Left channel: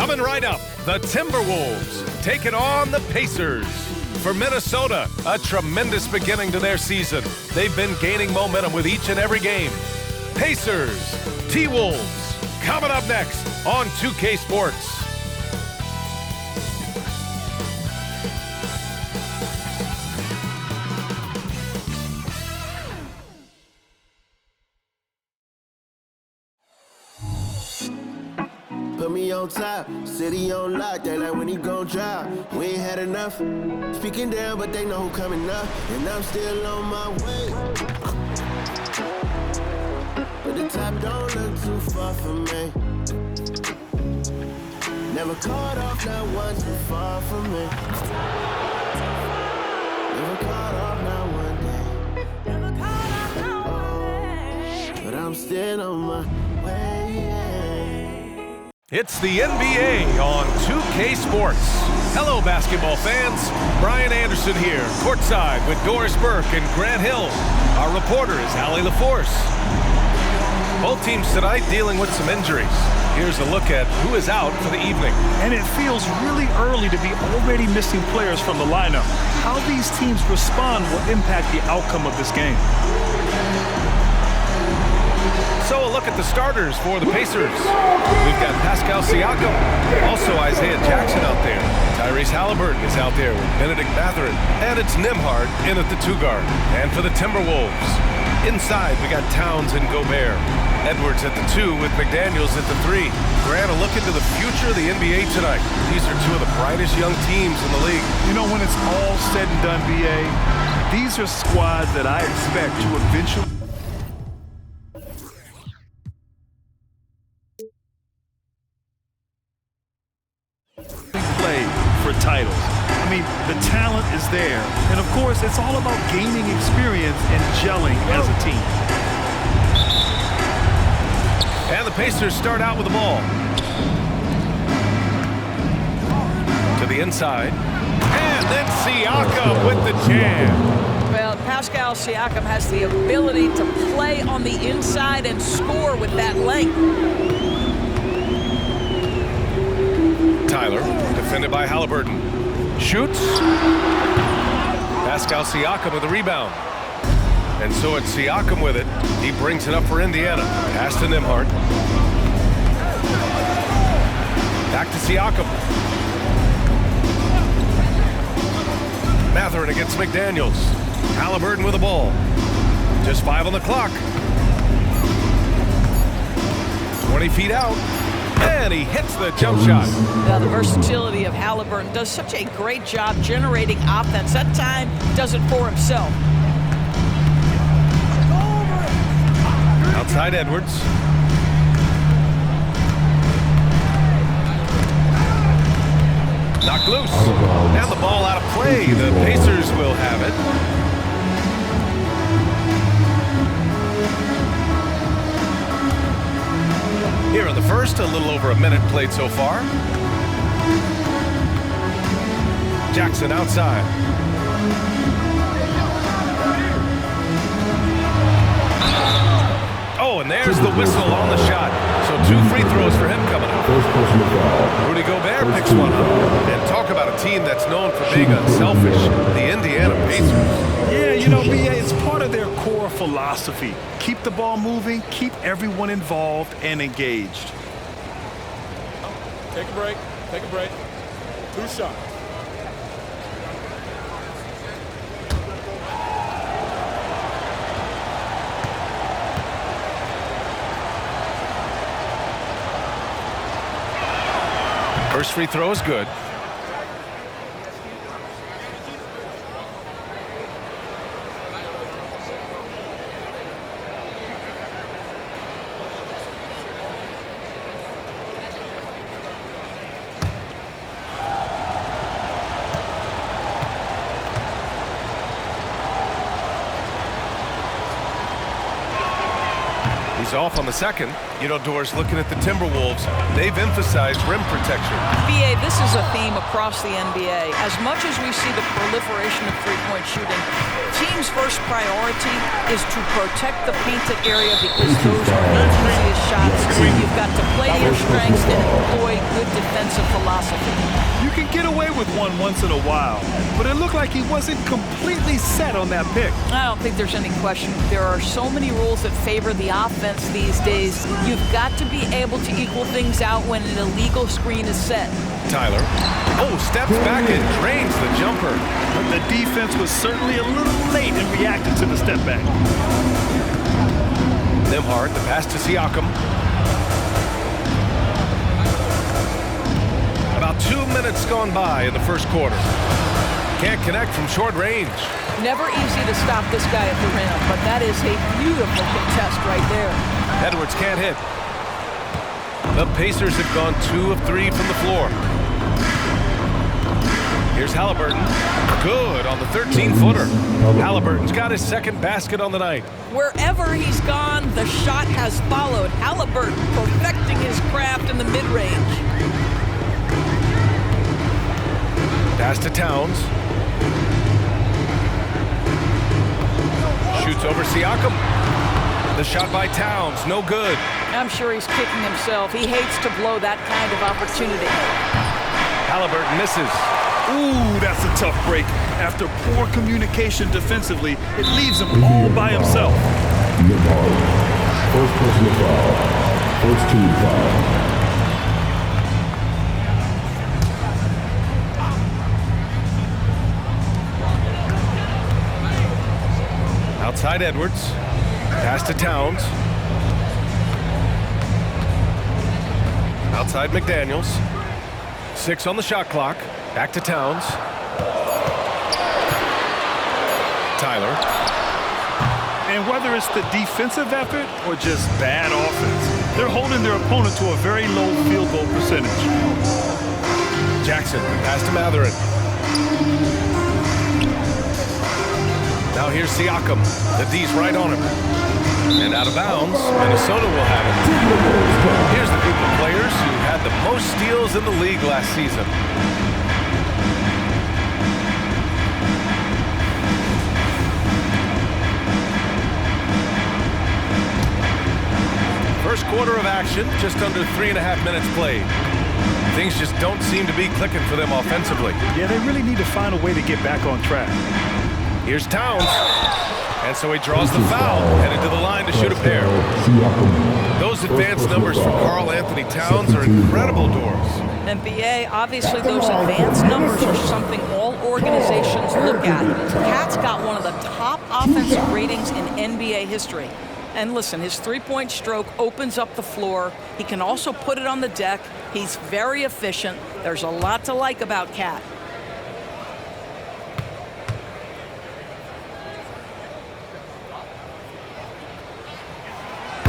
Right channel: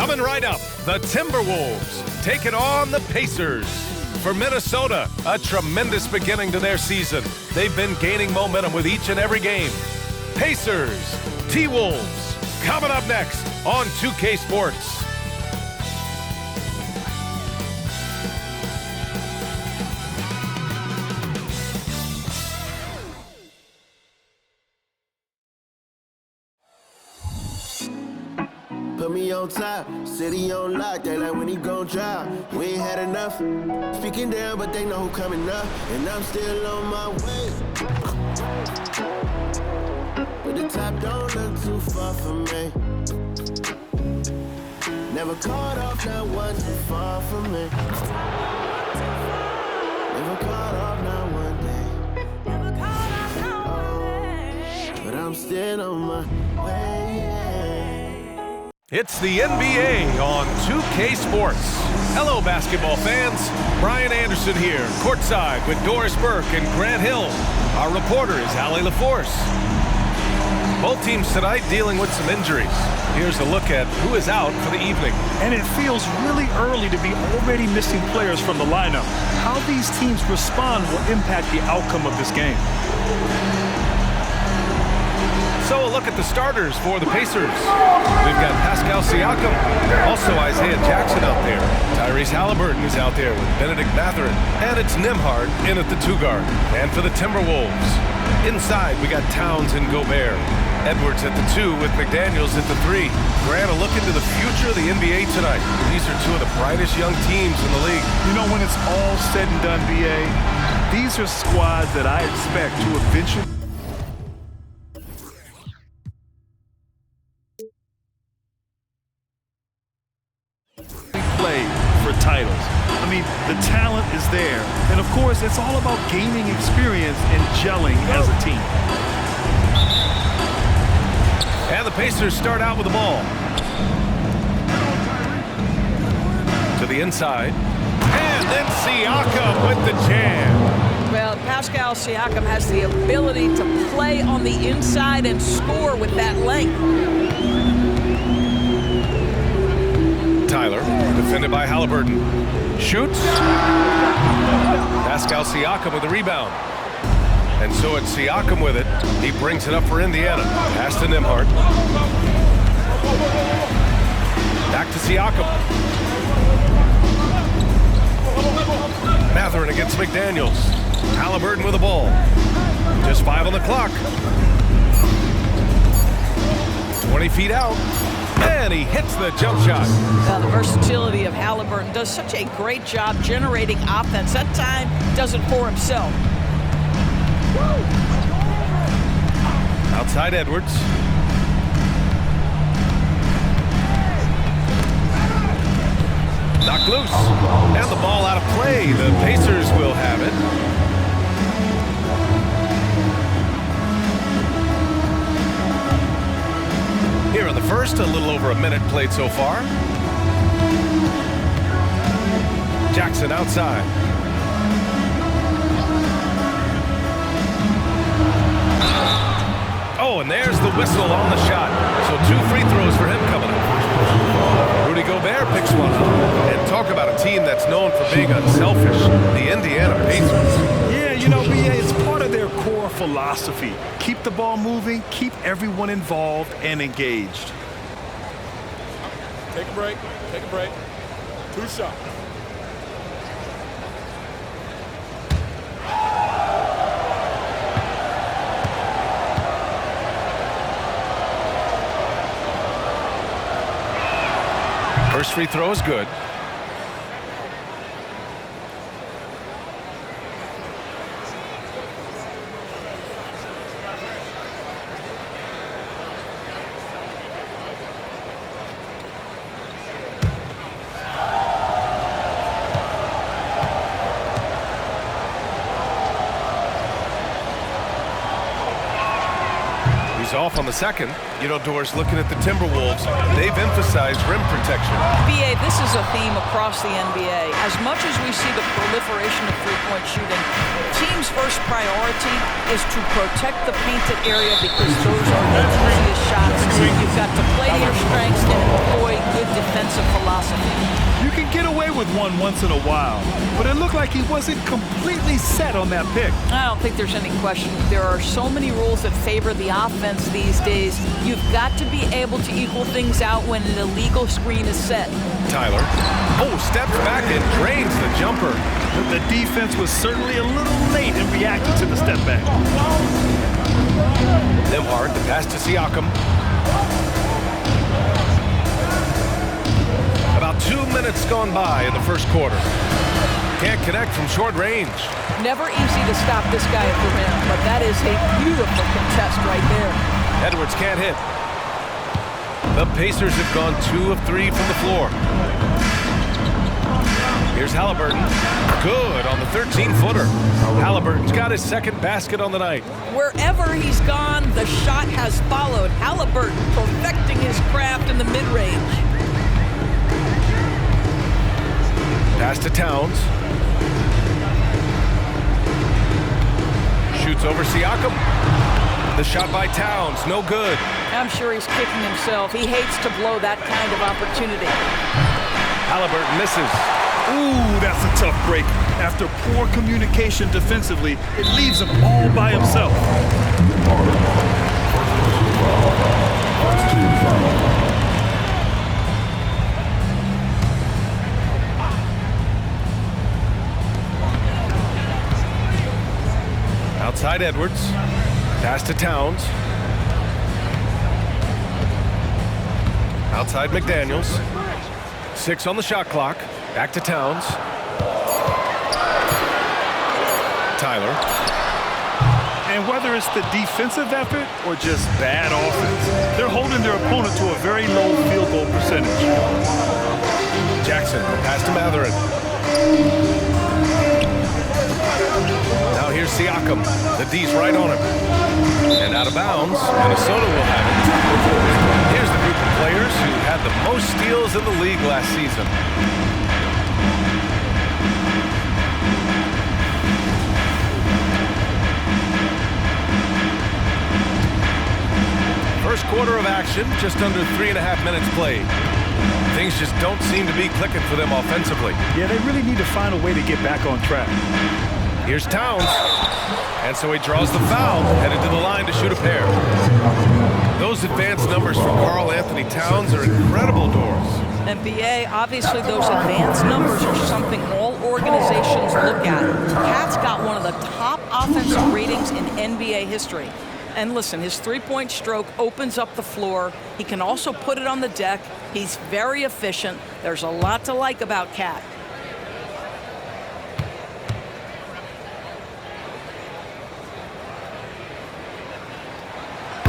Coming right up, the Timberwolves taking on the Pacers. For Minnesota, a tremendous beginning to their season. They've been gaining momentum with each and every game. Pacers, T-Wolves, coming up next on 2K Sports. Put me on top, city on lock, they like when he gon' drop. We ain't had enough, speaking down, but they know who coming up, and I'm still on my way. But the top don't look too far from me. Never caught off, not one too far from me. Never caught off, not one day. Never caught off, not one day. But I'm still on my way. It's the NBA on 2K Sports. Hello, basketball fans. Brian Anderson here, courtside with Doris Burke and Grant Hill. Our reporter is Allie LaForce. Both teams tonight dealing with some injuries. Here's a look at who is out for the evening. And it feels really early to be already missing players from the lineup. How these teams respond will impact the outcome of this game. So a look at the starters for the Pacers. We've got Pascal Siakam, also Isaiah Jackson out there. Tyrese Halliburton is out there with Benedict Mathurin, and it's Nembhard in at the 2-guard. And for the Timberwolves, inside we got Towns and Gobert. Edwards at the 2 with McDaniels at the 3. Grant, a look into the future of the NBA tonight. These are two of the brightest young teams in the league. You know, when it's all said and done, BA, these are squads that I expect to eventually play for titles. I mean, the talent is there. And of course, it's all about gaining experience and gelling as a team. And the Pacers start out with the ball. To the inside. And then Siakam with the jam. Well, Pascal Siakam has the ability to play on the inside and score with that length. Tyler, defended by Halliburton. Shoots. Pascal Siakam with the rebound. And so it's Siakam with it. He brings it up for Indiana. Pass to Nembhard. Back to Siakam. Mathurin against McDaniels. Halliburton with the ball. Just 5 on the clock. 20 feet out. And he hits the jump shot. The versatility of Halliburton does such a great job generating offense. That time does it for himself. Outside Edwards. Knocked loose. And the ball out of play. The Pacers will have it. Here in the first, a little over a minute played so far. Jackson outside. Oh, and there's the whistle on the shot. So 2 free throws for him coming up. Rudy Gobert picks one up. And talk about a team that's known for being unselfish, the Indiana Pacers. Yeah, you know, BA, it's part of their core philosophy. Keep the ball moving, keep everyone involved and engaged. Take a break. Take a break. 2 shots. First free throw is good. He's off on the second. You know, Doris, looking at the Timberwolves, they've emphasized rim protection. BA, this is a theme across the NBA. As much as we see the proliferation of three-point shooting, teams' first priority is to protect the painted area because those are the easiest shots. You've got to play to your strengths and employ good defensive philosophy. You can get away with one once in a while, but it looked like he wasn't completely set on that pick. I don't think there's any question. There are so many rules that favor the offense these days. You've got to be able to equal things out when an illegal screen is set. Tyler. Oh, steps back and drains the jumper. The defense was certainly a little late in reacting to the step back. Nembhard, the pass to Siakam. About 2 minutes gone by in the first quarter. Can't connect from short range. Never easy to stop this guy at the rim, but that is a beautiful contest right there. Edwards can't hit. The Pacers have gone 2 of 3 from the floor. Here's Halliburton. Good on the 13-footer. Halliburton's got his second basket on the night. Wherever he's gone, the shot has followed. Halliburton perfecting his craft in the mid-range. Pass to Towns. Shoots over Siakam. The shot by Towns, no good. I'm sure he's kicking himself. He hates to blow that kind of opportunity. Halliburton misses. Ooh, that's a tough break. After poor communication defensively, it leaves him all by himself. First personal foul. First team foul. Outside Edwards. Pass to Towns. Outside McDaniels. 6 on the shot clock. Back to Towns. Tyler. And whether it's the defensive effort or just bad offense, they're holding their opponent to a very low field goal percentage. Jackson, pass to Mathurin. Now here's Siakam. The D's right on him. And out of bounds, Minnesota will have it. Here's the group of players who had the most steals in the league last season. First quarter of action, just under 3.5 minutes played. Things just don't seem to be clicking for them offensively. Yeah, they really need to find a way to get back on track. Here's Towns. And so he draws the foul, headed to the line to shoot a pair. Those advanced numbers for Karl Anthony Towns are incredible, Doris. And BA, obviously those advanced numbers are something all organizations look at. Cat's got one of the top offensive ratings in NBA history. And listen, his three-point stroke opens up the floor. He can also put it on the deck. He's very efficient. There's a lot to like about Cat.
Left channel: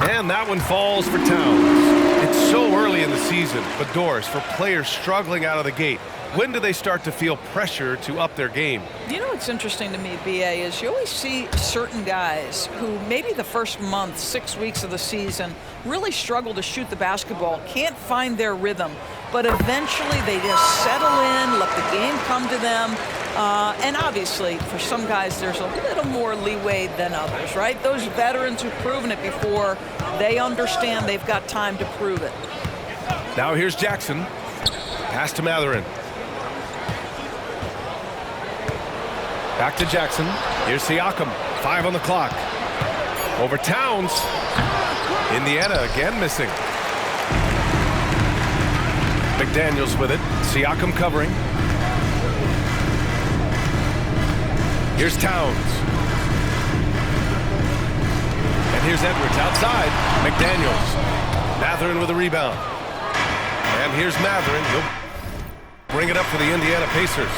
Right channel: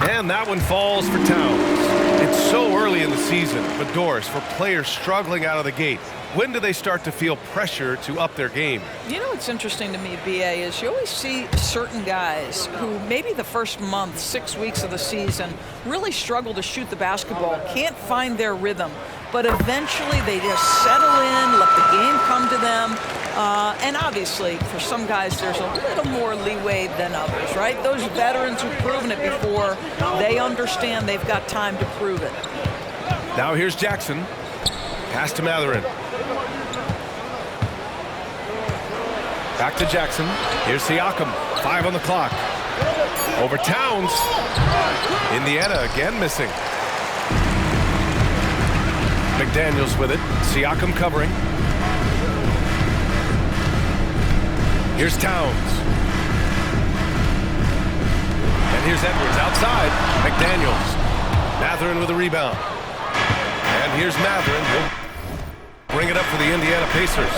And that one falls for Towns. It's so early in the season, but Doris, for players struggling out of the gate, when do they start to feel pressure to up their game? You know what's interesting to me, BA, is you always see certain guys who maybe the first month, 6 weeks of the season, really struggle to shoot the basketball, can't find their rhythm, but eventually they just settle in, let the game come to them. And obviously, for some guys, there's a little more leeway than others, right? Those veterans who've proven it before, they understand they've got time to prove it. Now here's Jackson. Pass to Mathurin. Back to Jackson. Here's Siakam. 5 on the clock. Over Towns. Indiana again missing. McDaniels with it. Siakam covering. Here's Towns. And here's Edwards outside. McDaniels. Mathurin with a rebound. And here's Mathurin. He'll bring it up for the Indiana Pacers.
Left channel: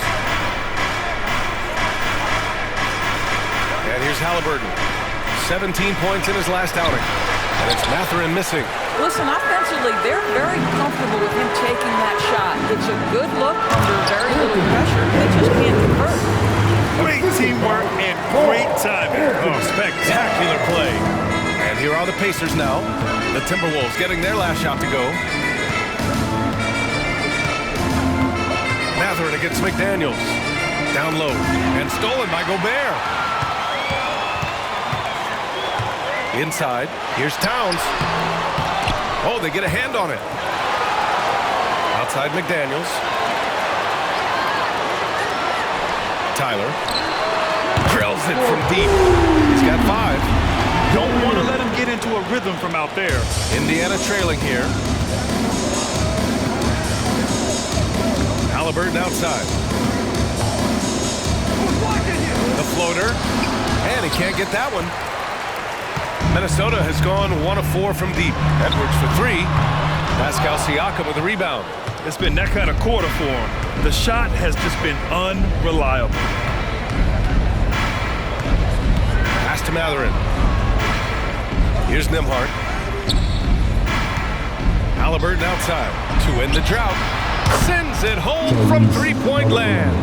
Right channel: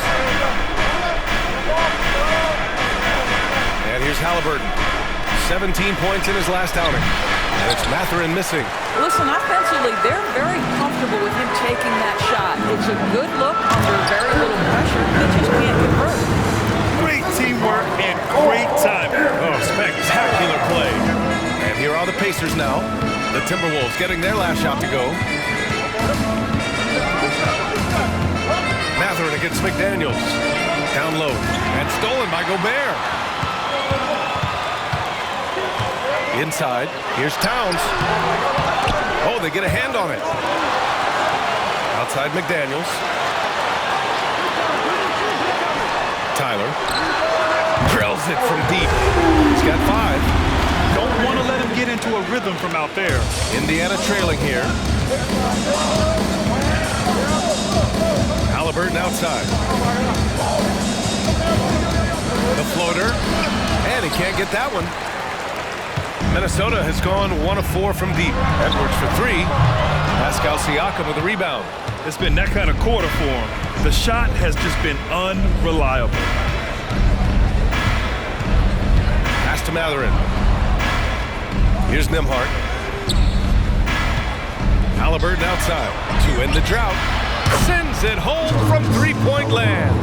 And here's Halliburton. 17 points in his last outing. And it's Mathurin missing. Listen, offensively, they're very comfortable with him taking that shot. It's a good look under very little pressure. He just can't convert. Great teamwork and great timing. Oh, spectacular play. And here are the Pacers now. The Timberwolves getting their last shot to go. Mathurin against McDaniels. Down low and stolen by Gobert. Inside, here's Towns. Oh, they get a hand on it. Outside McDaniels. Tyler drills it from deep. He's got 5. Don't want to let him get into a rhythm from out there. Indiana trailing here. Haliburton outside. The floater, and he can't get that one. Minnesota has gone 1 of 4 from deep. Edwards for 3. Pascal Siakam with the rebound. It's been that kind of quarter for him. The shot has just been unreliable. Pass to Mathurin. Here's Nembhard. Haliburton outside. To end the drought. Sends it home from three-point land.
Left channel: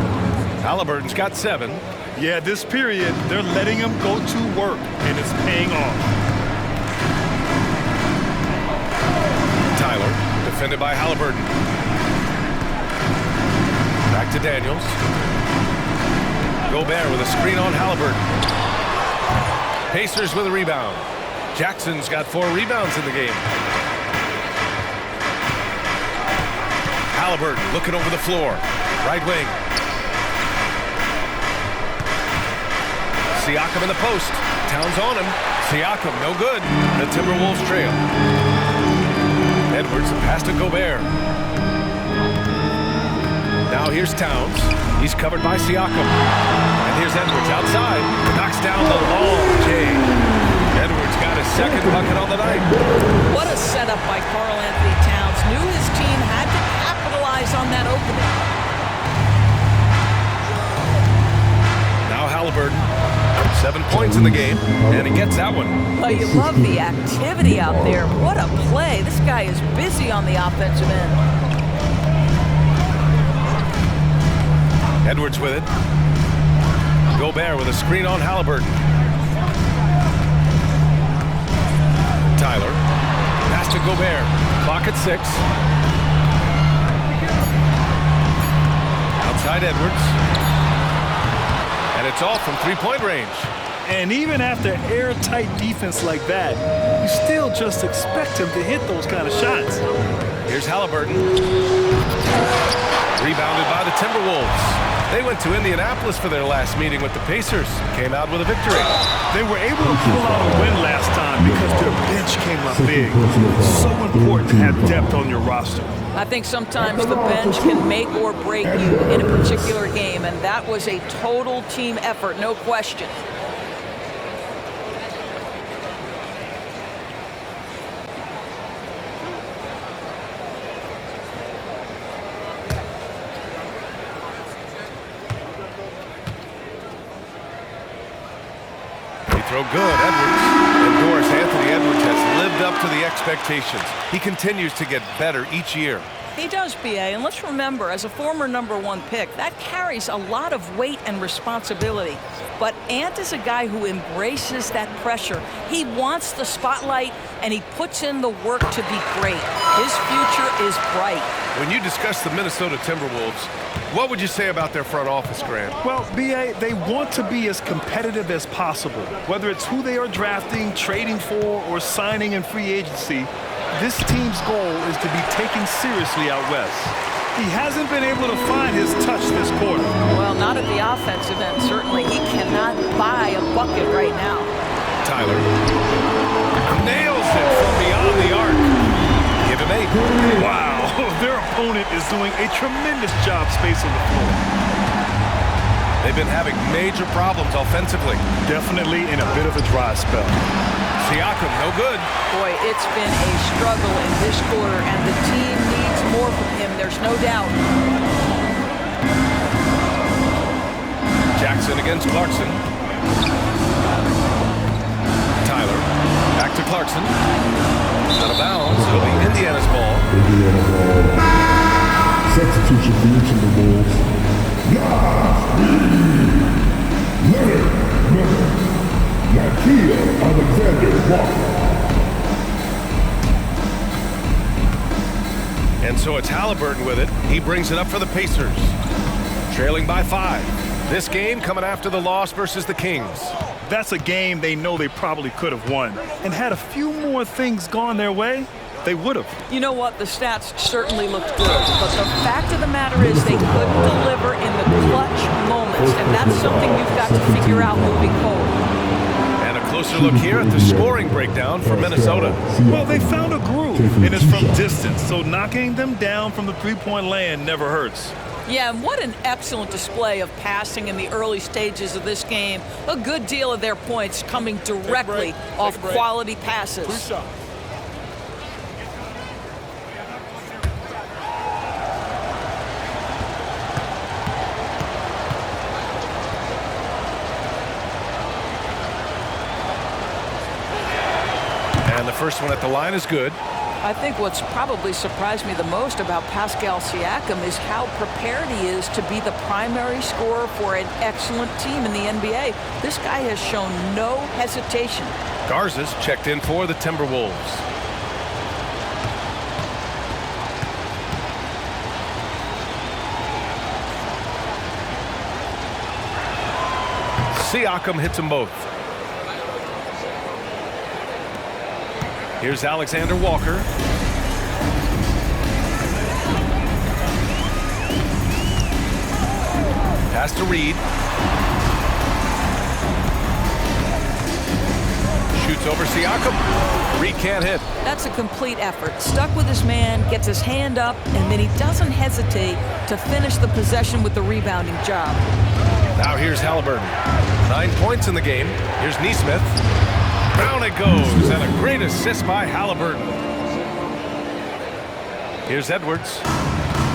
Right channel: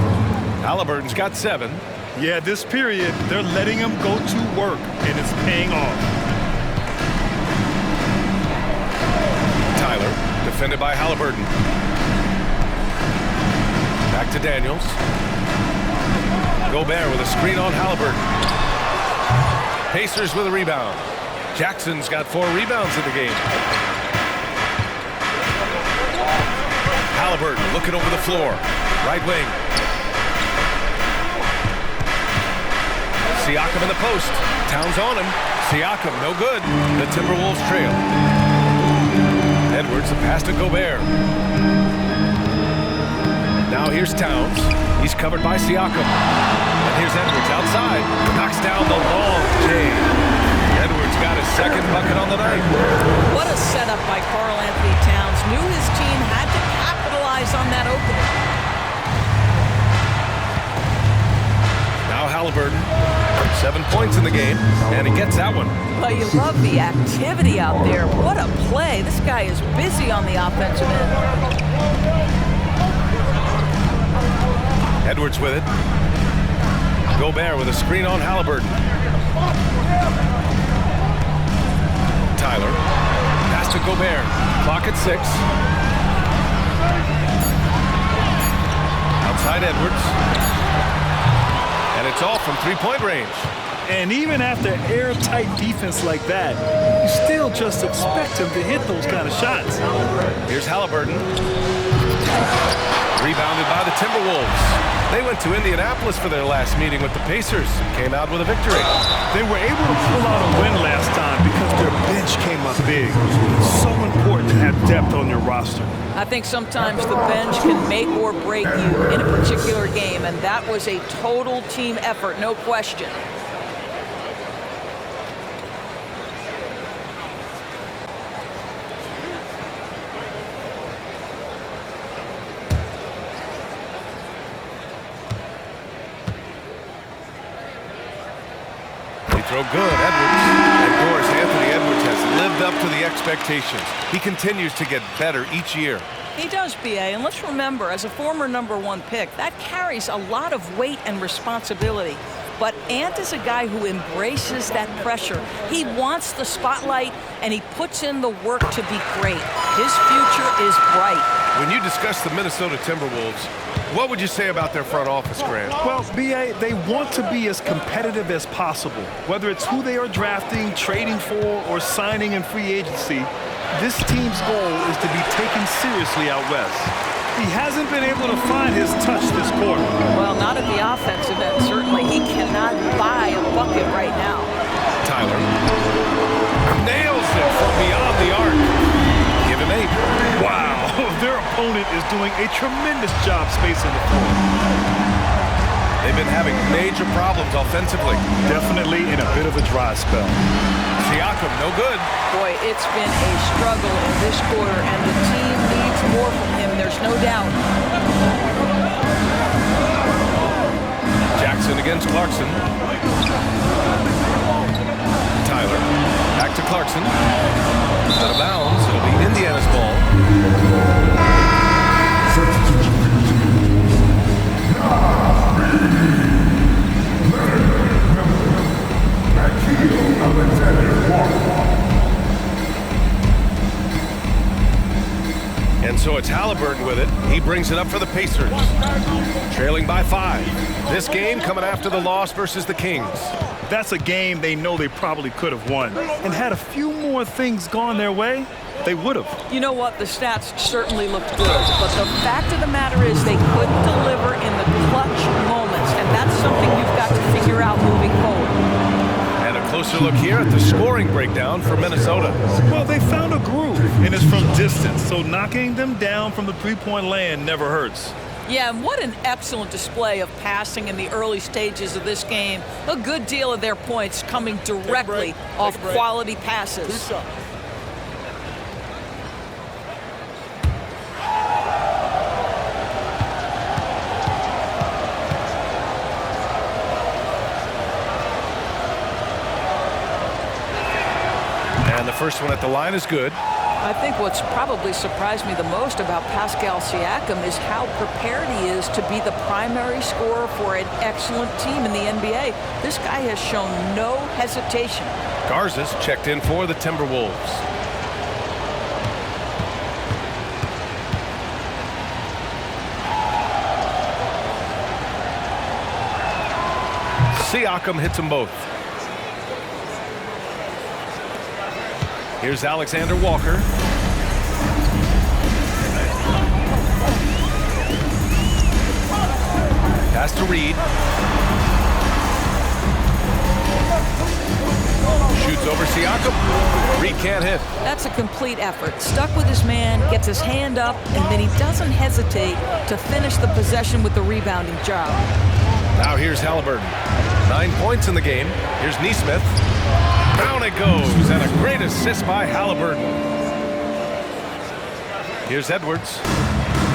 Haliburton's got 7. Yeah, this period, they're letting him go to work, and it's paying off. Tyler, defended by Haliburton. Back to Daniels. Gobert with a screen on Haliburton. Pacers with a rebound. Jackson's got 4 rebounds in the game. Haliburton looking over the floor. Right wing. Siakam in the post. Towns on him. Siakam, no good. The Timberwolves trail. Edwards, the pass to Gobert. Now here's Towns. He's covered by Siakam. And here's Edwards outside. Knocks down the long J. Edwards got his 2nd bucket on the night. What a setup by Karl Anthony Towns. Knew his team had to capitalize on that opening. Now Haliburton, 7 points in the game, and he gets that one. Well, you love the activity out there. What a play. This guy is busy on the offensive end. Edwards with it. Gobert with a screen on Haliburton. Tyler. Pass to Gobert. Clock at 6. Outside Edwards. And it's all from three-point range. And even after airtight defense like that, you still just expect him to hit those kind of shots. Here's Haliburton. Rebounded by the Timberwolves. They went to Indianapolis for their last meeting with the Pacers. Came out with a victory. They were able to pull out a win last time because their bench came up big. It's so important to have depth on your roster. I think sometimes the bench can make or break you in a particular game, and that was a total team effort, no question. Throw good, Edwards. And Doris, Anthony Edwards has lived up to the expectations. He continues to get better each year. He does, B.A., and let's remember, as a former #1 pick, that carries a lot of weight and responsibility. But Ant is a guy who embraces that pressure. He wants the spotlight, and he puts in the work to be great. His future is bright. When you discuss the Minnesota Timberwolves, what would you say about their front office, Grant? Well, B.A., they want to be as competitive as possible. Whether it's who they are drafting, trading for, or signing in free agency, this team's goal is to be taken seriously out west. He hasn't been able to find his touch this quarter. Well, not at the offensive end, certainly. He cannot buy a bucket right now. Tyler nails it from beyond the arc. Give him 8. Wow, their opponent is doing a tremendous job spacing the floor. They've been having major problems offensively. Definitely in a bit of a dry spell. Siakam, no good. Boy, it's been a struggle in this quarter, and the team needs more from him, there's no doubt. Jackson against Clarkson. Tyler, back to Clarkson. Out of bounds, it'll be Indiana's ball. Substitution for the Timberwolves. Leonard Miller. Nikhil Alexander Walker. And so it's Halliburton with it. He brings it up for the Pacers. Trailing by 5. This game coming after the loss versus the Kings. That's a game they know they probably could have won. And had a few more things gone their way, they would have. You know what? The stats certainly looked good, but the fact of the matter is they couldn't deliver in the clutch moments, and that's something you've got to figure out moving forward. And a closer look here at the scoring breakdown for Minnesota. Well, they found a groove, and it's from distance, so knocking them down from the three-point land never hurts. Yeah, and what an excellent display of passing in the early stages of this game. A good deal of their points coming directly off quality passes. 2 shots. And the first one at the line is good. I think what's probably surprised me the most about Pascal Siakam is how prepared he is to be the primary scorer for an excellent team in the NBA. This guy has shown no hesitation. Garza's checked in for the Timberwolves. Siakam hits them both. Here's Alexander Walker. Pass to Reed. Shoots over Siakam. Reed can't hit. That's a complete effort. Stuck with his man, gets his hand up, and then he doesn't hesitate to finish the possession with the rebounding job. Now here's Halliburton. 9 points in the game. Here's Nesmith. Down it goes, and a great assist by Halliburton. Here's Edwards.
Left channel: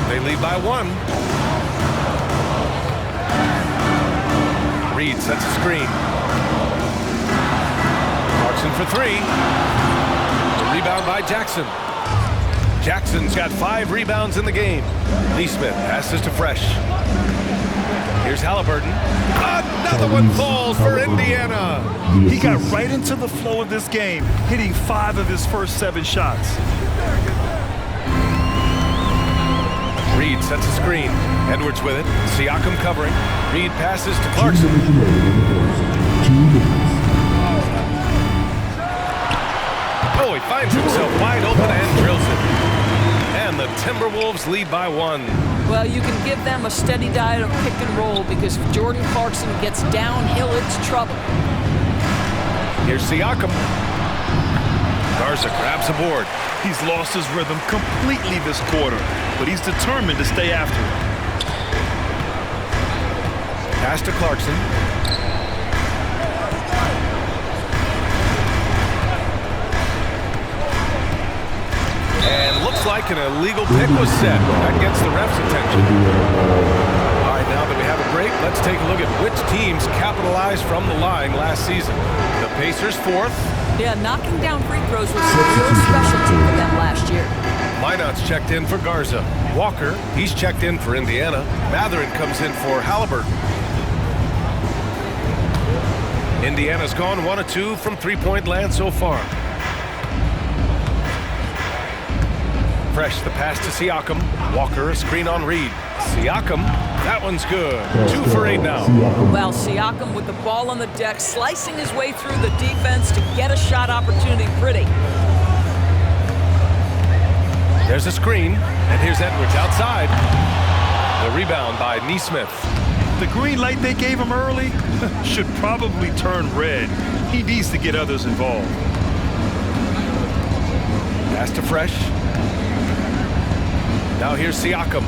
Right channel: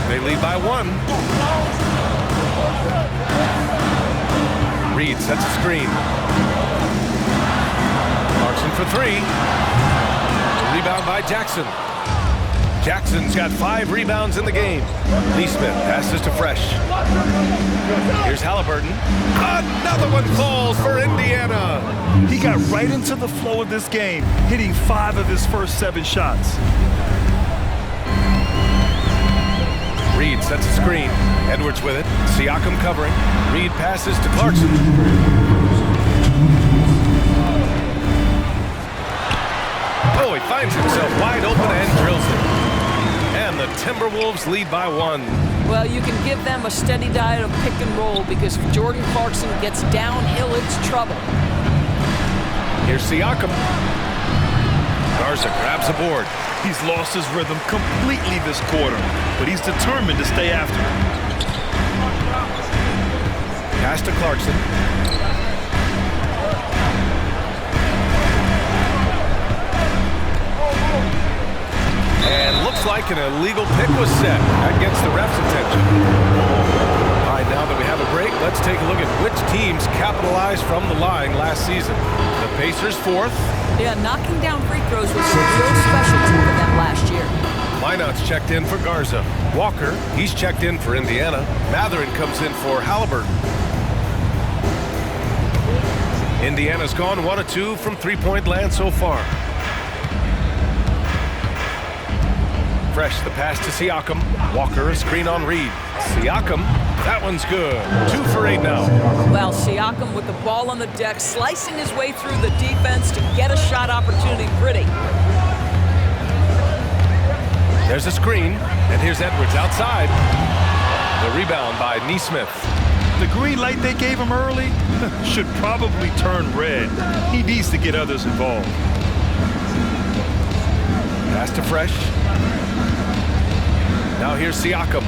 They lead by 1. Reed sets a screen. Clarkson for 3. The rebound by Jackson. Jackson's got 5 rebounds in the game. Nesmith passes to Fresh. Here's Halliburton. Another one falls for Indiana. He got right into the flow of this game, hitting 5 of his first 7 shots. Reed sets a screen. Edwards with it. Siakam covering. Reed passes to Clarkson. Oh, he finds himself wide open and drills it. And the Timberwolves lead by 1. Well, you can give them a steady diet of pick and roll because if Jordan Clarkson gets downhill, it's trouble. Here's Siakam. Garza grabs a board. He's lost his rhythm completely this quarter, but he's determined to stay after it. Pass to Clarkson. And looks like an illegal pick was set. That gets the ref's attention. All right, now that we have a break, let's take a look at which teams capitalized from the line last season. The Pacers 4th. Yeah, knocking down free throws was a real specialty for them last year. Minot's checked in for Garza. Walker, he's checked in for Indiana. Matherin comes in for Halliburton. Indiana's gone 1 of 2 from three-point land so far. Fresh, the pass to Siakam. Walker, a screen on Reed. Siakam, that one's good. 2 for 8 now. Well, Siakam with the ball on the deck, slicing his way through the defense to get a shot opportunity pretty. There's a screen, and here's Edwards outside. The rebound by Nesmith. The green light they gave him early should probably turn red. He needs to get others involved. Pass to Fresh. Now here's Siakam.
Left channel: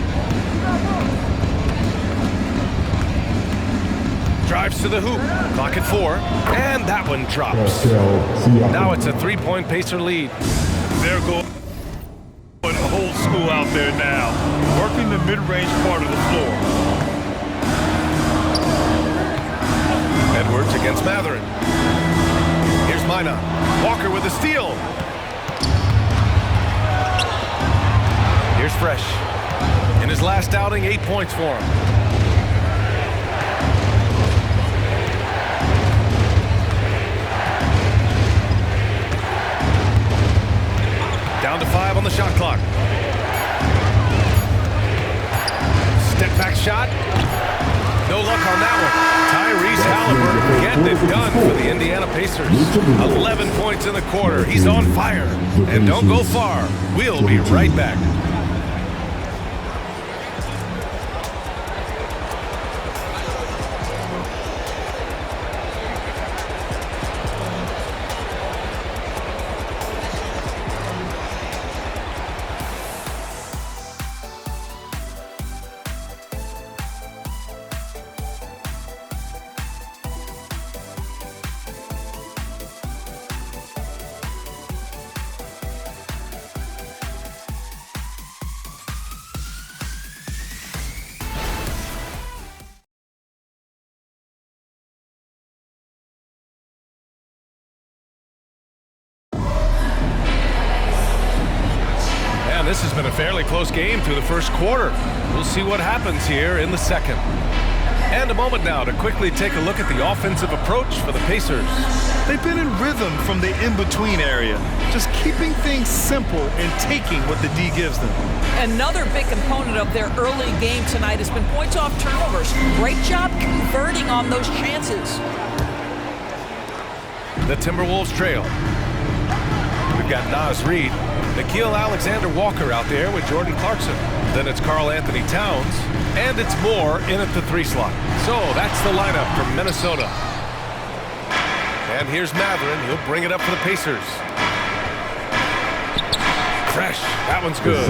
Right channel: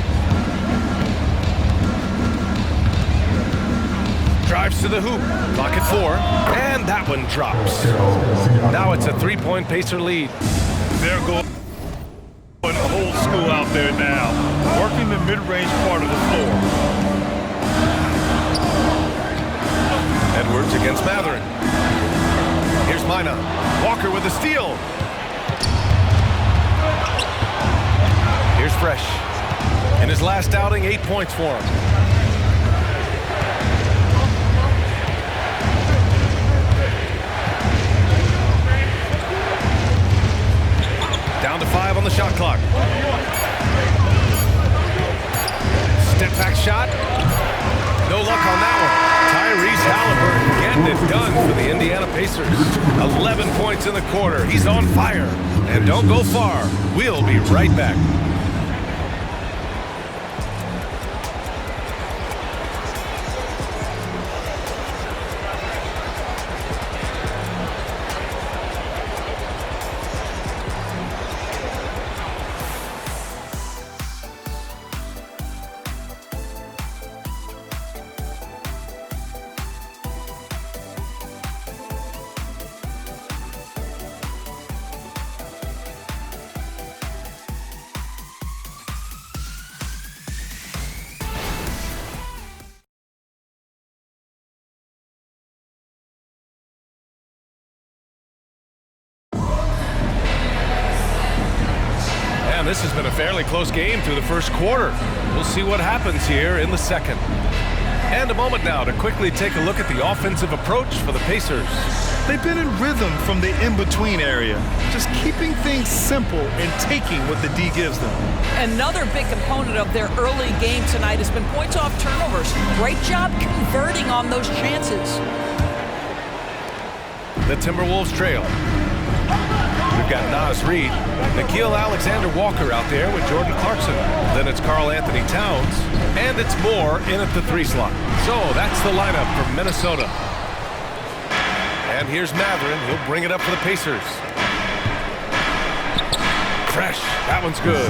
Drives to the hoop. Clock at 4. And that one drops. Now it's a 3-point Pacer lead. They're going old school out there now, working the mid-range part of the floor. Edwards against Matherin. Here's Minot. Walker with a steal. Here's Fresh. In his last outing, 8 points for him. Down to 5 on the shot clock. Step back shot. No luck on that one. Tyrese Halliburton getting it done for the Indiana Pacers. 11 points in the quarter. He's on fire. And don't go far. We'll be right back. And this has been a fairly close game through the first quarter. We'll see what happens here in the second. And a moment now to quickly take a look at the offensive approach for the Pacers. They've been in rhythm from the in-between area, just keeping things simple and taking what the D gives them. Another big component of their early game tonight has been points off turnovers. Great job converting on those chances. The Timberwolves trail. We've got Naz Reid, Nickeil Alexander-Walker out there with Jordan Clarkson. Then it's Karl Anthony Towns, and it's Moore in at the 3 slot. So that's the lineup for Minnesota. And here's Mathurin. He'll bring it up for the Pacers. Fresh. That one's good.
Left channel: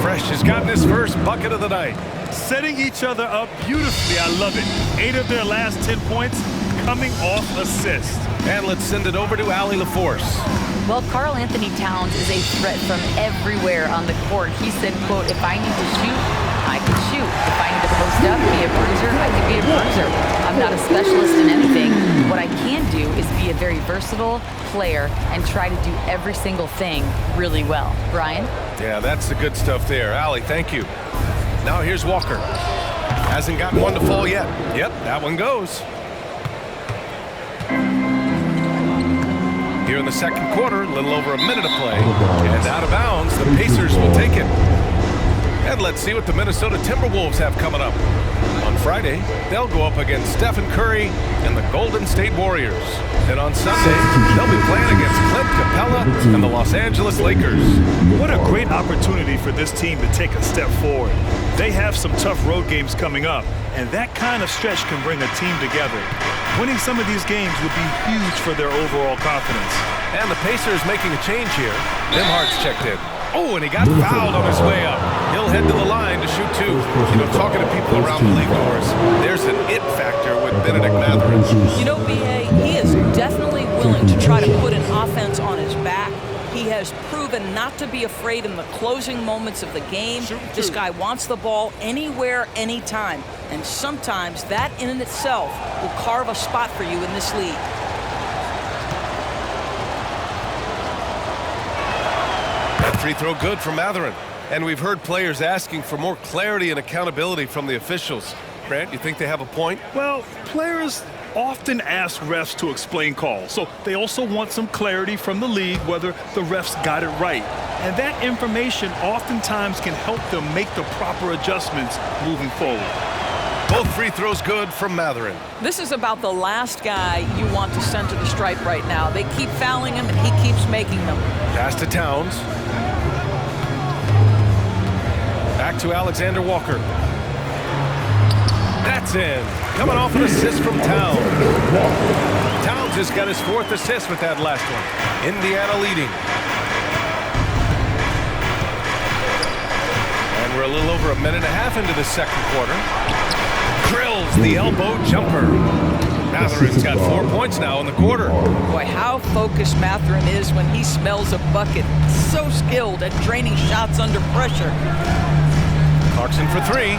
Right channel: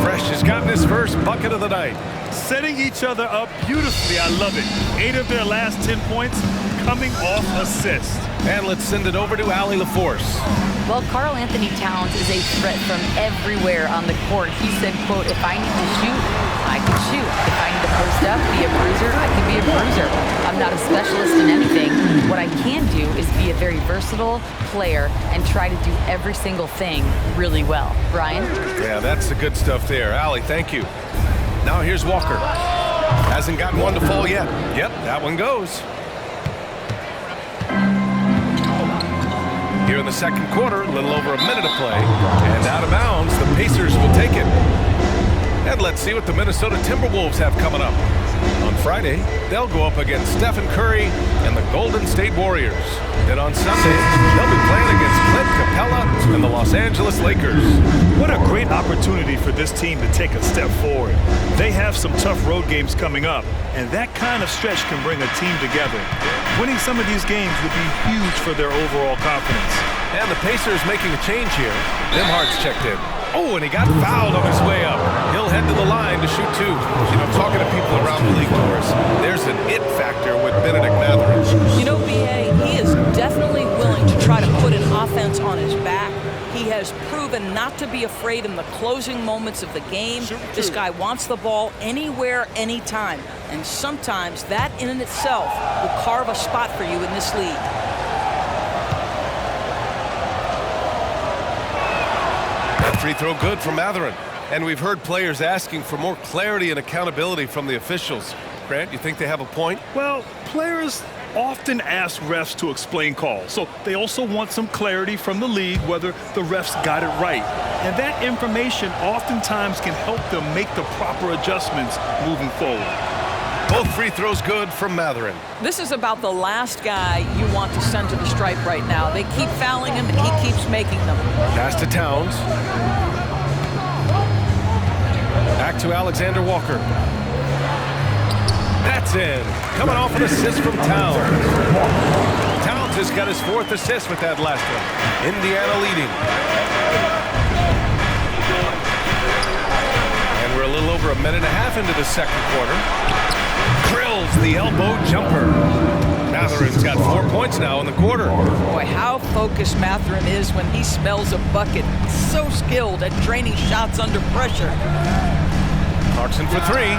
Fresh has gotten his first bucket of the night. Setting each other up beautifully. I love it. 8 of their last 10 points coming off assist. And let's send it over to Allie LaForce. Well, Karl Anthony Towns is a threat from everywhere on the court. He said, quote, if I need to shoot, I can shoot. If I need to post up, be a bruiser, I can be a bruiser. I'm not a specialist in anything. What I can do is be a very versatile player and try to do every single thing really well. Brian? Yeah, that's the good stuff there. Allie, thank you. Now here's Walker. Hasn't gotten one to fall yet. Yep, that one goes. Here in the second quarter, a little over a minute of play. And out of bounds, the Pacers will take it. And let's see what the Minnesota Timberwolves have coming up. On Friday, they'll go up against Stephen Curry and the Golden State Warriors. Then on Sunday, they'll be playing against Clint Capella and the Los Angeles Lakers. What a great opportunity for this team to take a step forward. They have some tough road games coming up, and that kind of stretch can bring a team together. Winning some of these games would be huge for their overall confidence. And the Pacers making a change here. Nembhard's checked in. Oh, and he got fouled on his way up. He'll head to the line to shoot 2. You know, talking to people around the league, Doris, there's an it factor with Benedict Mathurin. You know, B.A., he is definitely willing to try to put an offense on his back. He has proven not to be afraid in the closing moments of the game. This guy wants the ball anywhere, anytime. And sometimes that in and itself will carve a spot for you in this league. That free throw good from Mathurin. And we've heard players asking for more clarity and accountability from the officials. Grant, you think they have a point? Well, players often ask refs to explain calls, so they also want some clarity from the league whether the refs got it right. And that information oftentimes can help them make the proper adjustments moving forward. Both free throws good from Mathurin. This is about the last guy you want to send to the stripe right now. They keep fouling him, and he keeps making them. Pass to Towns. Back to Alexander Walker. That's in. Coming off an assist from Towns. Towns has got his 4th assist with that last one. Indiana leading. And we're a little over a minute and a half into the second quarter. Drills the elbow jumper. Mathurin's got 4 points now in the quarter. Boy, how focused Mathurin is when he smells a bucket. So skilled at draining shots under pressure. Clarkson for 3.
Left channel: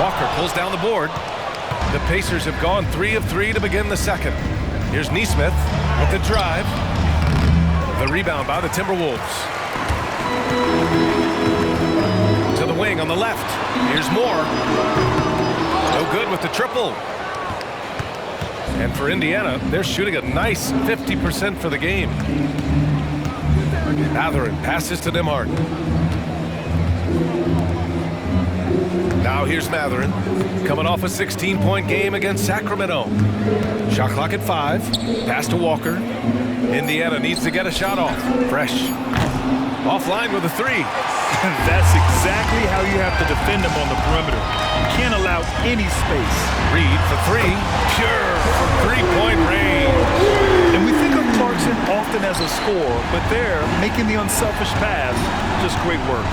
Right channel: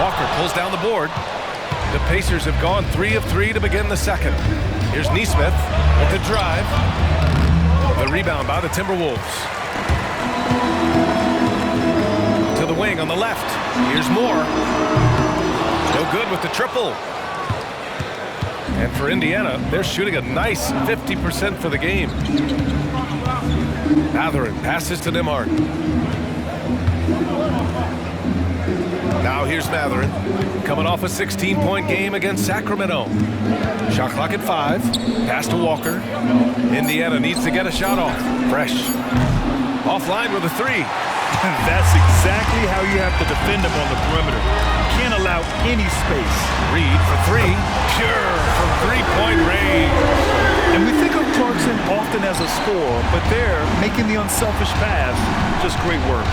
Walker pulls down the board. The Pacers have gone 3 of 3 to begin the second. Here's Nesmith with the drive. The rebound by the Timberwolves. To the wing on the left. Here's Moore. No good with the triple. And for Indiana, they're shooting a nice 50% for the game. Mathurin passes to Nembhard. Now here's Matherin, coming off a 16-point game against Sacramento. Shot clock at 5. Pass to Walker. Indiana needs to get a shot off. Fresh. Offline with a 3. That's exactly how you have to defend them on the perimeter. You can't allow any space. Reed for 3. Pure from three-point range. And we think of Clarkson often as a scorer, but there, making the unselfish pass, just great work.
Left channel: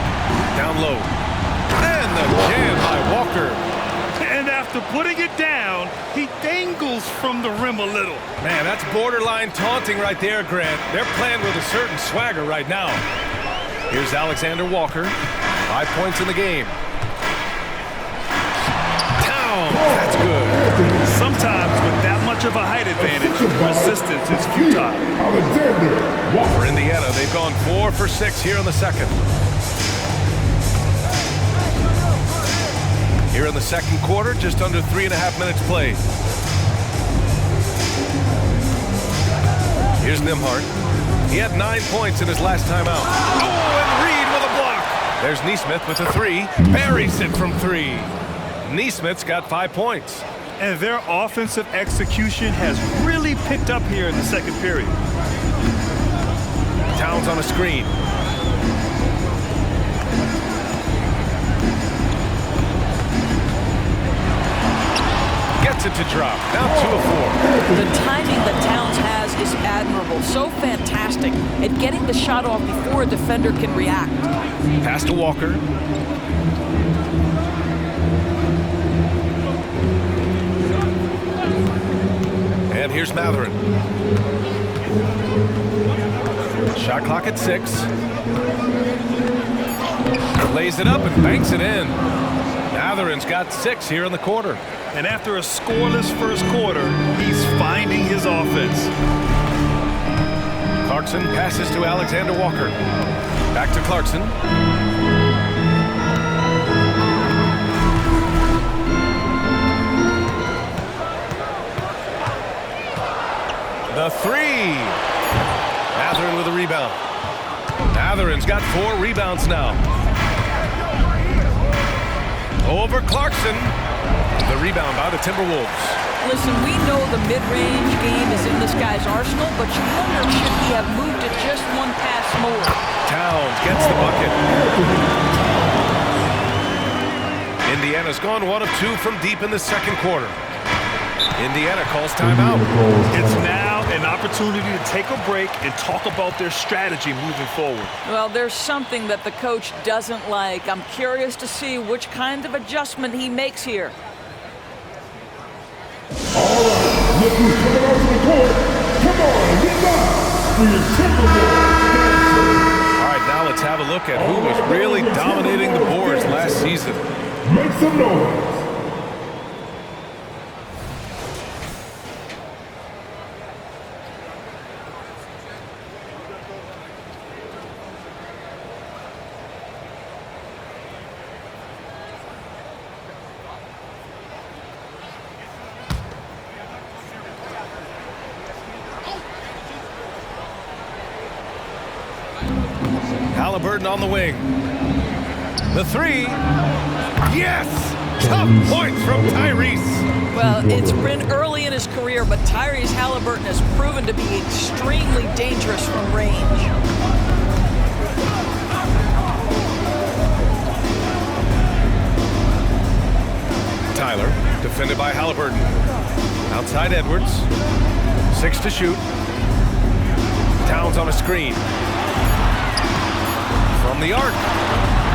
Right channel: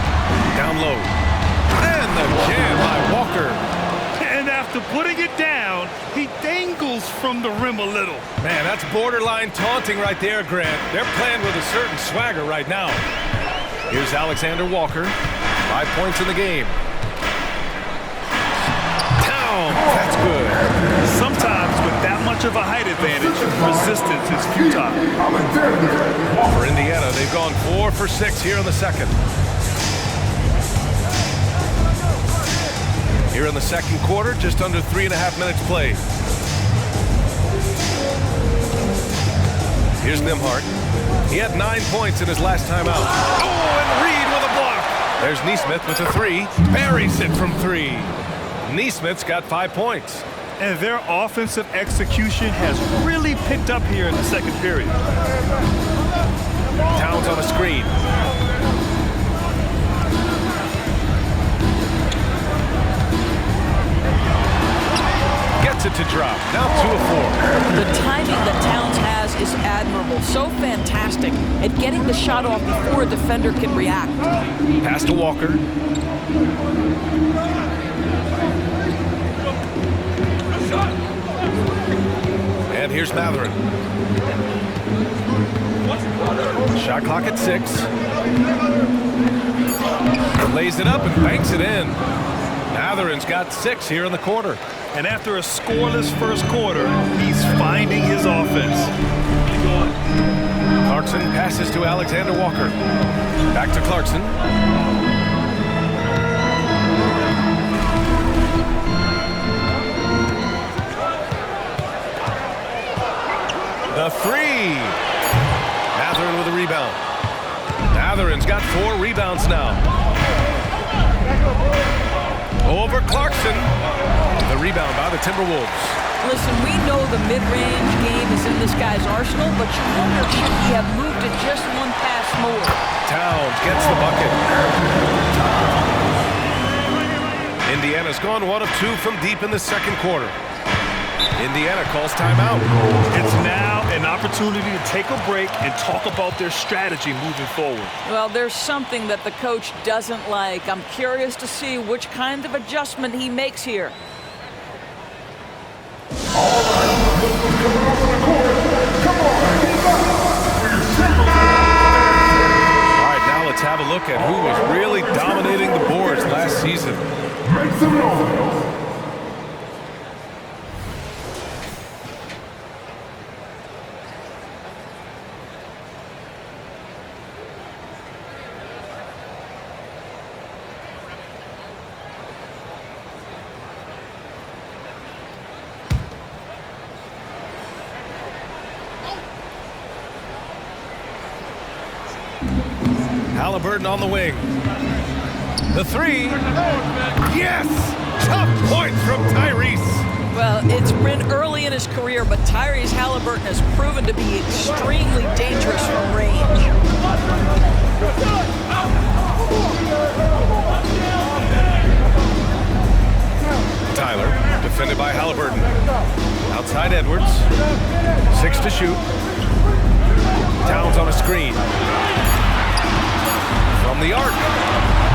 Down low. And the jam by Walker. And after putting it down, he dangles from the rim a little. Man, that's borderline taunting right there, Grant. They're playing with a certain swagger right now. Here's Alexander Walker. 5 points in the game. Down. That's good. Sometimes with that much of a height advantage, resistance is futile. For Indiana, they've gone 4 for 6 here in the second. Here in the second quarter, just under 3.5 minutes played. Here's Nembhard. He had 9 points in his last time out. Oh, and Reed with a block. There's Nesmith with a 3. Buries it from 3. Nesmith's got 5 points. And their offensive execution has really picked up here in the second period. Towns on a screen. Gets it to drop. Now 2 of 4. The timing that Towns has is admirable. So fantastic at getting the shot off before a defender can react. Pass to Walker. And here's Matherin. Shot clock at 6. Lays it up and banks it in. Matherin's got 6 here in the quarter. And after a scoreless first quarter, he's finding his offense. Clarkson passes to Alexander Walker. Back to Clarkson. The 3. Matherin with a rebound. Matherin's got 4 rebounds now. Over Clarkson. The rebound by the Timberwolves. Listen, we know the mid-range game is in this guy's arsenal, but you wonder, should he have moved it just one pass more? Towns gets the bucket. Indiana's gone 1 of 2 from deep in the second quarter. Indiana calls timeout. It's now an opportunity to take a break and talk about their strategy moving forward. Well, there's something that the coach doesn't like. I'm curious to see which kind of adjustment he makes here. All right, look who's coming off the court. Come on, he's up for your Timberwolves. All right, now let's have a look at who was really dominating the boards last season. Make some noise. Halliburton on the wing. The 3. Yes! Tough points from Tyrese. Well, it's been early in his career, but Tyrese Halliburton has proven to be extremely dangerous from range. Tyler, defended by Halliburton. Outside Edwards. 6 to shoot. Towns on a screen. From the arc.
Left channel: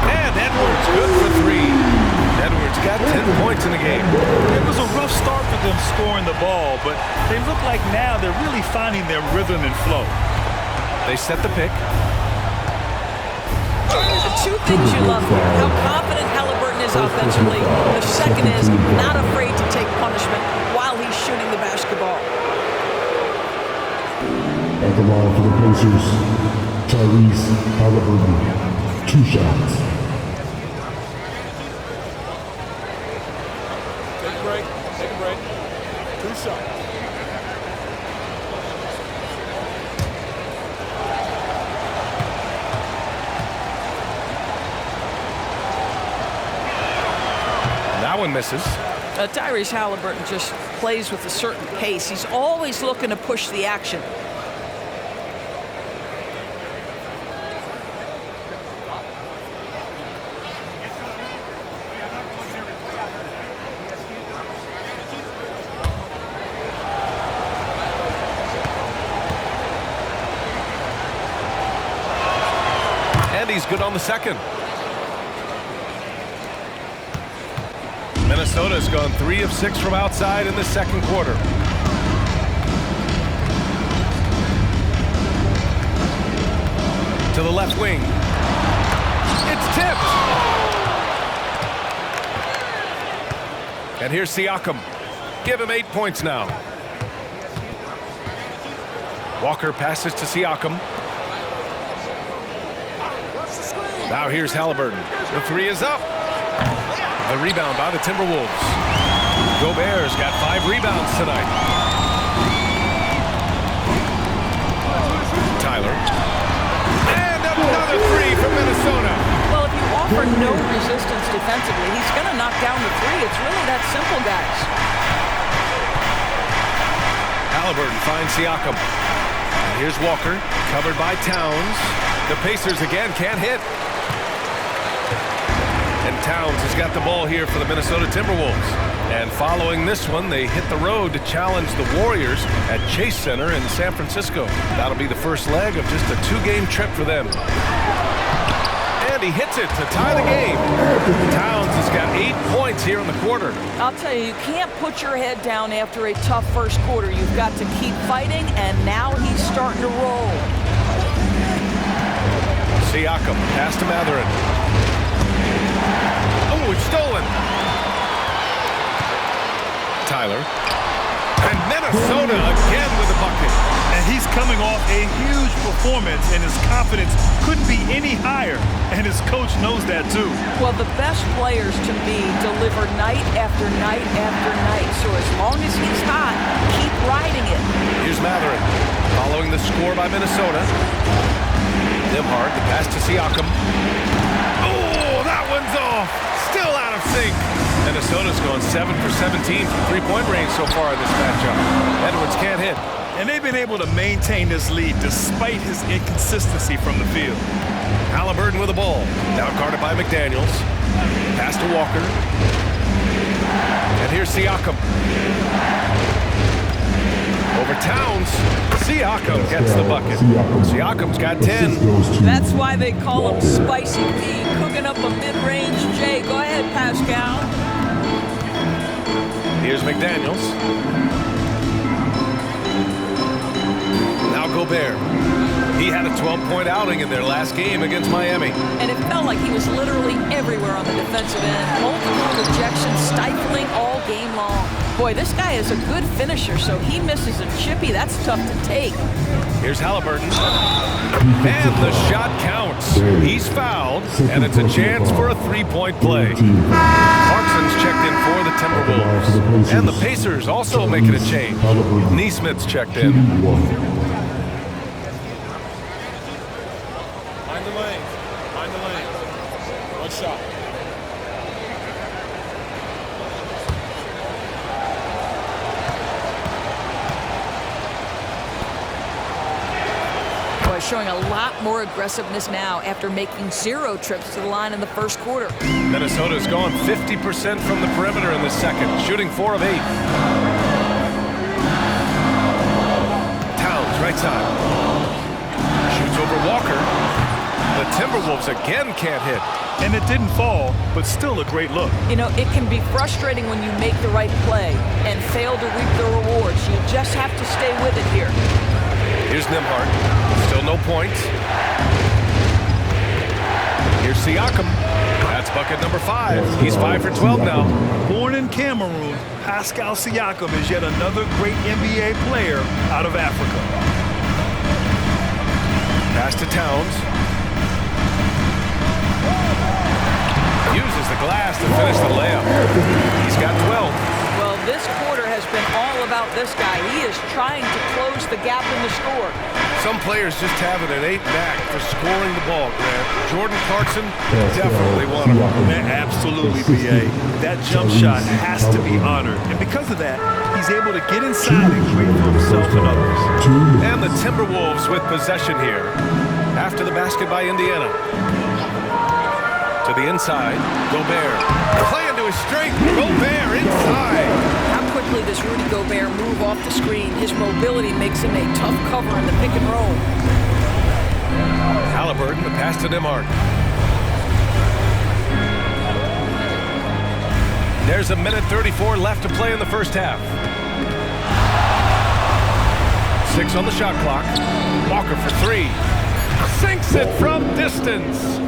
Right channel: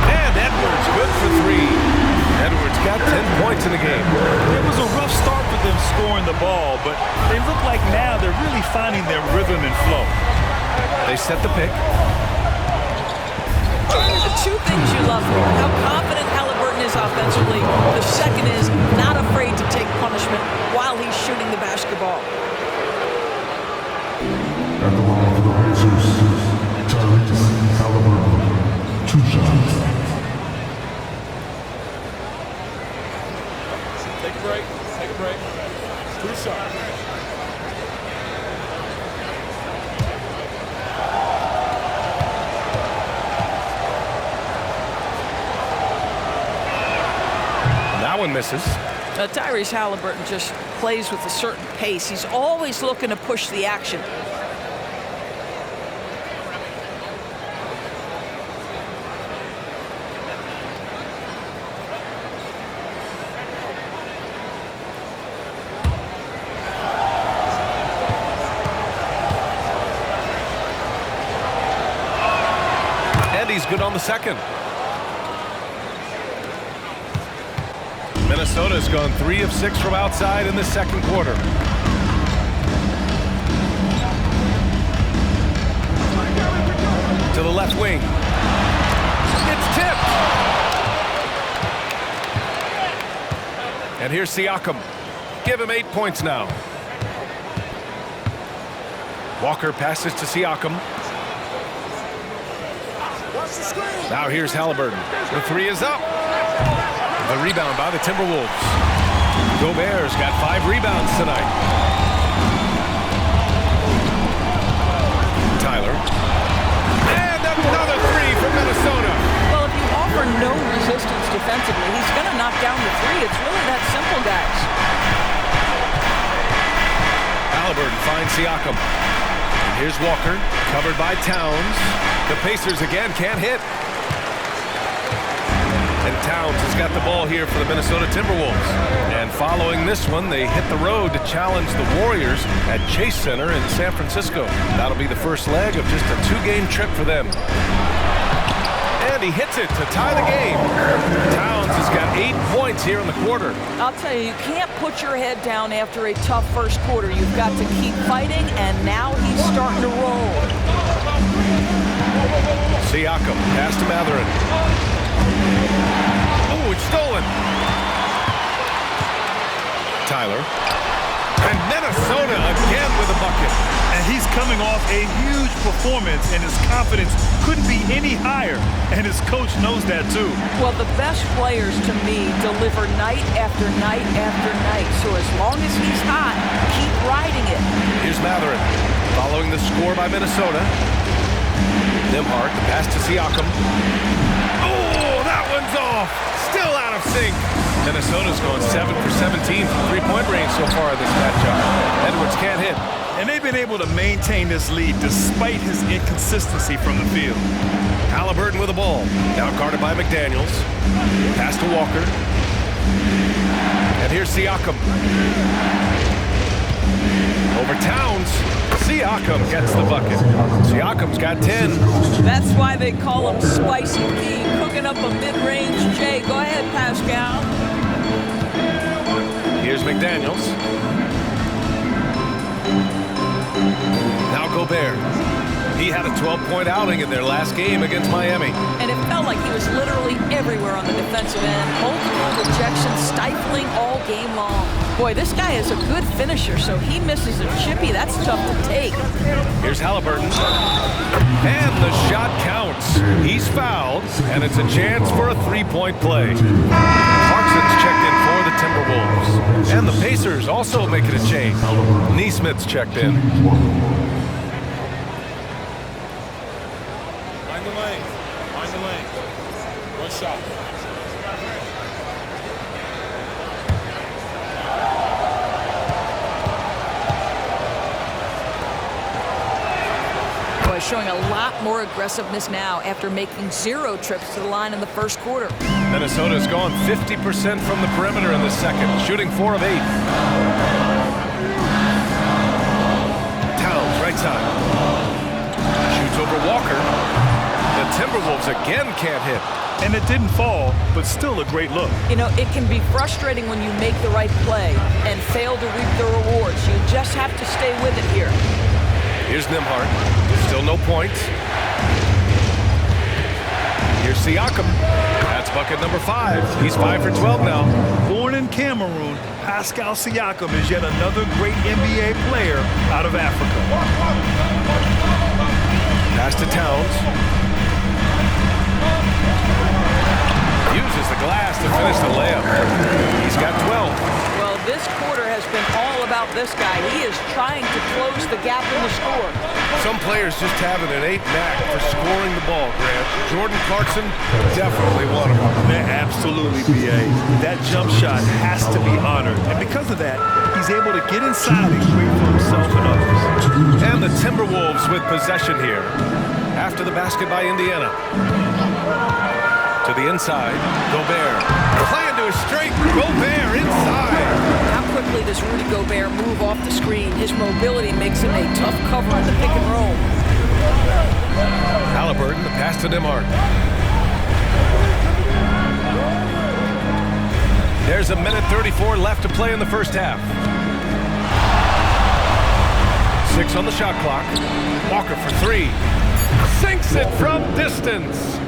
And Edwards good for 3. Edwards got 10 points in the game. It was a rough start for them scoring the ball, but they look like now they're really finding their rhythm and flow. They set the pick. The 2 things you love here, how confident Halliburton is offensively. The second is not afraid to take punishment while he's shooting the basketball. At the line for the Pacers, Tyrese Halliburton, 2 shots. Take a break. Take a break. 2 shots. That one misses. Tyrese Halliburton just plays with a certain pace. He's always looking to push the action. And he's good on the second. Minnesota's gone 3 of 6 from outside in the second quarter. To the left wing. It's tipped. And here's Siakam. Give him 8 points now. Walker passes to Siakam. Now here's Halliburton. The 3 is up. The rebound by the Timberwolves. Gobert's got 5 rebounds tonight. Tyler. And another 3 from Minnesota. Well, if you offer no resistance defensively, he's going to knock down the 3. It's really that simple, guys. Halliburton finds Siakam. And here's Walker, covered by Towns. The Pacers again can't hit. And Towns has got the ball here for the Minnesota Timberwolves. And following this one, they hit the road to challenge the Warriors at Chase Center in San Francisco. That'll be the first leg of just a 2-game trip for them. And he hits it to tie the game. Towns has got 8 points here in the quarter. I'll tell you, you can't put your head down after a tough first quarter. You've got to keep fighting, and now he's starting to roll. Siakam, pass to Mathurin. Oh, it's stolen. Tyler. And Minnesota again with a bucket. And he's coming off a huge performance, and his confidence couldn't be any higher. And his coach knows that, too. Well, the best players, to me, deliver night after night after night. So as long as he's hot, keep riding it. Here's Mathurin. Following the score by Minnesota. Nembhard, the pass to Siakam. Oh, that one's off. Still out of sync. Minnesota's going 7 for 17 from 3-point range so far in this matchup. Edwards can't hit. And they've been able to maintain this lead despite his inconsistency from the field. Halliburton with the ball. Now guarded by McDaniels. Pass to Walker. And here's Siakam. Over Towns. Siakam gets the bucket. Siakam's got 10. That's why they call him Spicy P, cooking up a mid-range J. Go ahead, Pascal. Here's McDaniels. Now Gobert. He had a 12-point outing in their last game against Miami. And it felt like he was literally everywhere on the defensive end. Multiple rejections, stifling all game long. Boy, this guy is a good finisher, so he misses a chippy. That's tough to take. Here's Halliburton. And the shot counts. He's fouled, and it's a chance for a 3-point play. Clarkson's checked in for the Timberwolves. And the Pacers also making a change. Neesmith's checked in. Find the lane. Find the lane. One shot. Boy, showing a lot more aggressiveness now after making 0 trips to the line in the first quarter. Minnesota's gone 50% from the perimeter in the second, shooting 4 of 8. Towns, right side. Shoots over Walker. The Timberwolves again can't hit. And it didn't fall, but still a great look. You know, it can be frustrating when you make the right play and fail to reap the rewards. You just have to stay with it here. Here's Nembhard. Still no points. Here's Siakam. That's bucket number 5. He's 5 for 12 now. Born in Cameroon, Pascal Siakam is yet another great NBA player out of Africa. Pass to Towns. Uses the glass to finish the layup. He's got 12. Well, this quarter has been all about this guy. He is trying to close the gap in the score. Some players just have an innate knack for scoring the ball, Grant. Jordan Clarkson, definitely one of them. Man, absolutely, B.A. That jump shot has to be honored. And because of that, he's able to get inside and create for himself and others. And the Timberwolves with possession here. After the basket by Indiana. To the inside, Gobert. Playing to his strength, Gobert inside. How quickly does Rudy Gobert move off the screen? His mobility makes him a tough cover in the pick and roll. Halliburton, the pass to Nembhard. There's a minute 34 left to play in the first half. 6 on the shot clock. Walker for 3. Sinks it from distance.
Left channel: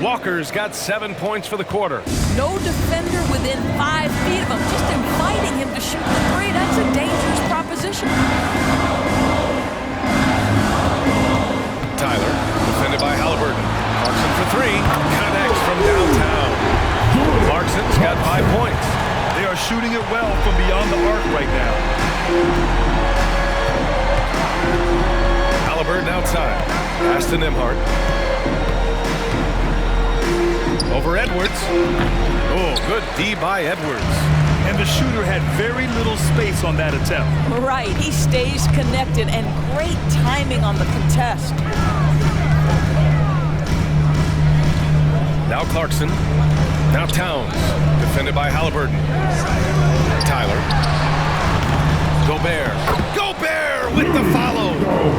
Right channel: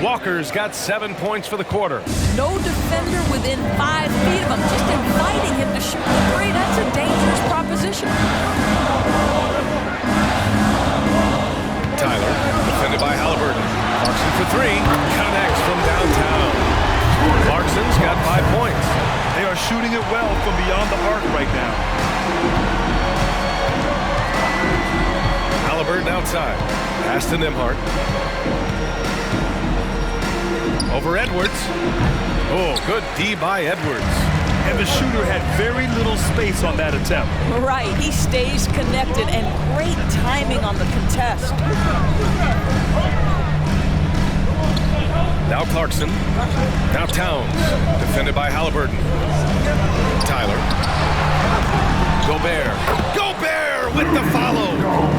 Walker's got 7 points for the quarter. No defender within 5 feet of him, just inviting him to shoot the three. That's a dangerous proposition. Tyler, defended by Halliburton. Clarkson for 3. Connects from downtown. Clarkson's got 5 points. They are shooting it well from beyond the arc right now. Halliburton outside. Pass to Nembhard. Over Edwards. Oh, good D by Edwards. And the shooter had very little space on that attempt. Right, he stays connected and great timing on the contest. Now Clarkson. Now Towns. Defended by Halliburton. Tyler. Gobert. Gobert with the follow.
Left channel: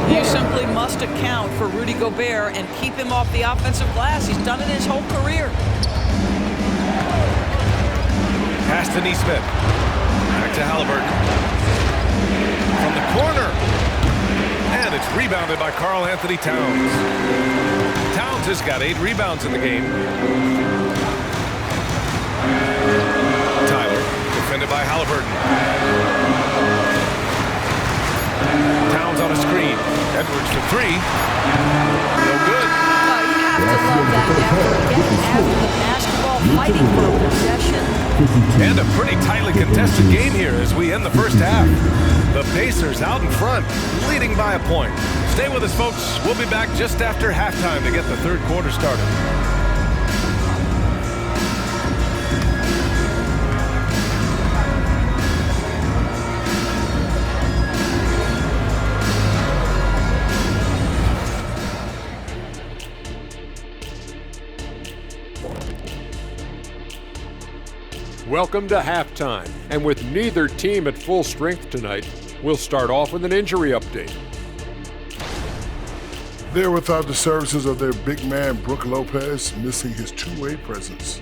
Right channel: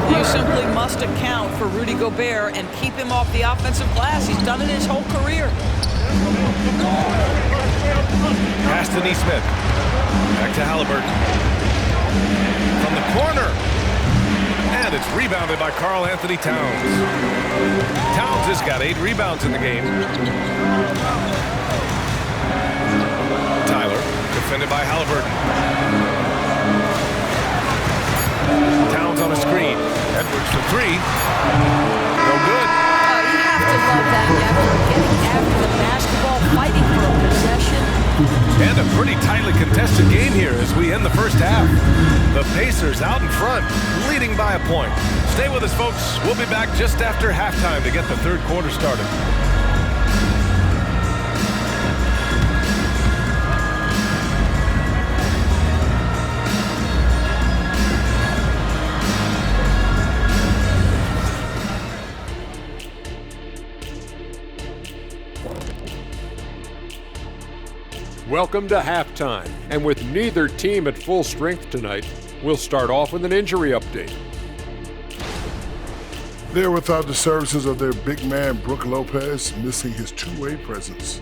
You simply must account for Rudy Gobert and keep him off the offensive glass. He's done it his whole career. Pass to Nesmith. Back to Halliburton. From the corner. And it's rebounded by Karl Anthony Towns. Towns has got 8 rebounds in the game. Tyler, defended by Halliburton. Towns on a screen. Edwards for 3. No good. You have to love that effort, getting after the basketball, fighting for a possession. And a pretty tightly contested game here as we end the first half. The Pacers out in front, leading by a point. Stay with us, folks. We'll be back just after halftime to get the third quarter started. Welcome to halftime, and with neither team at full strength tonight, we'll start off with an injury update. They're without the services of their big man, Brook Lopez, missing his two-way presence.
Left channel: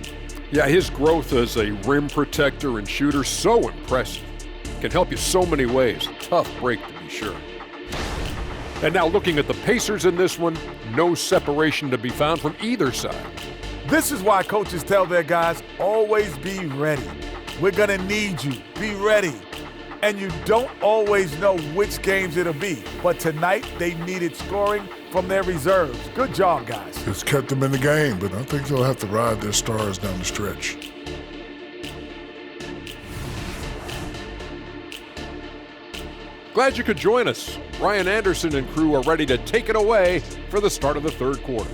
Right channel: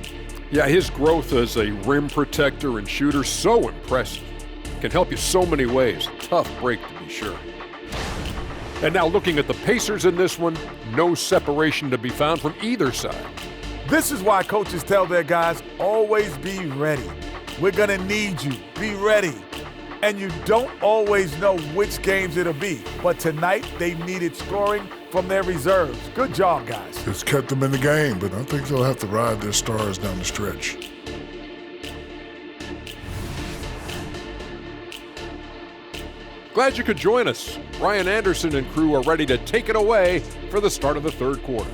Yeah, his growth as a rim protector and shooter, so impressive. Can help you so many ways. Tough break to be sure. And now looking at the Pacers in this one, no separation to be found from either side. This is why coaches tell their guys, always be ready. We're going to need you. Be ready. And you don't always know which games it'll be. But tonight, they needed scoring from their reserves. Good job, guys. It's kept them in the game, but I think they'll have to ride their stars down the stretch. Glad you could join us. Ryan Anderson and crew are ready to take it away for the start of the third quarter.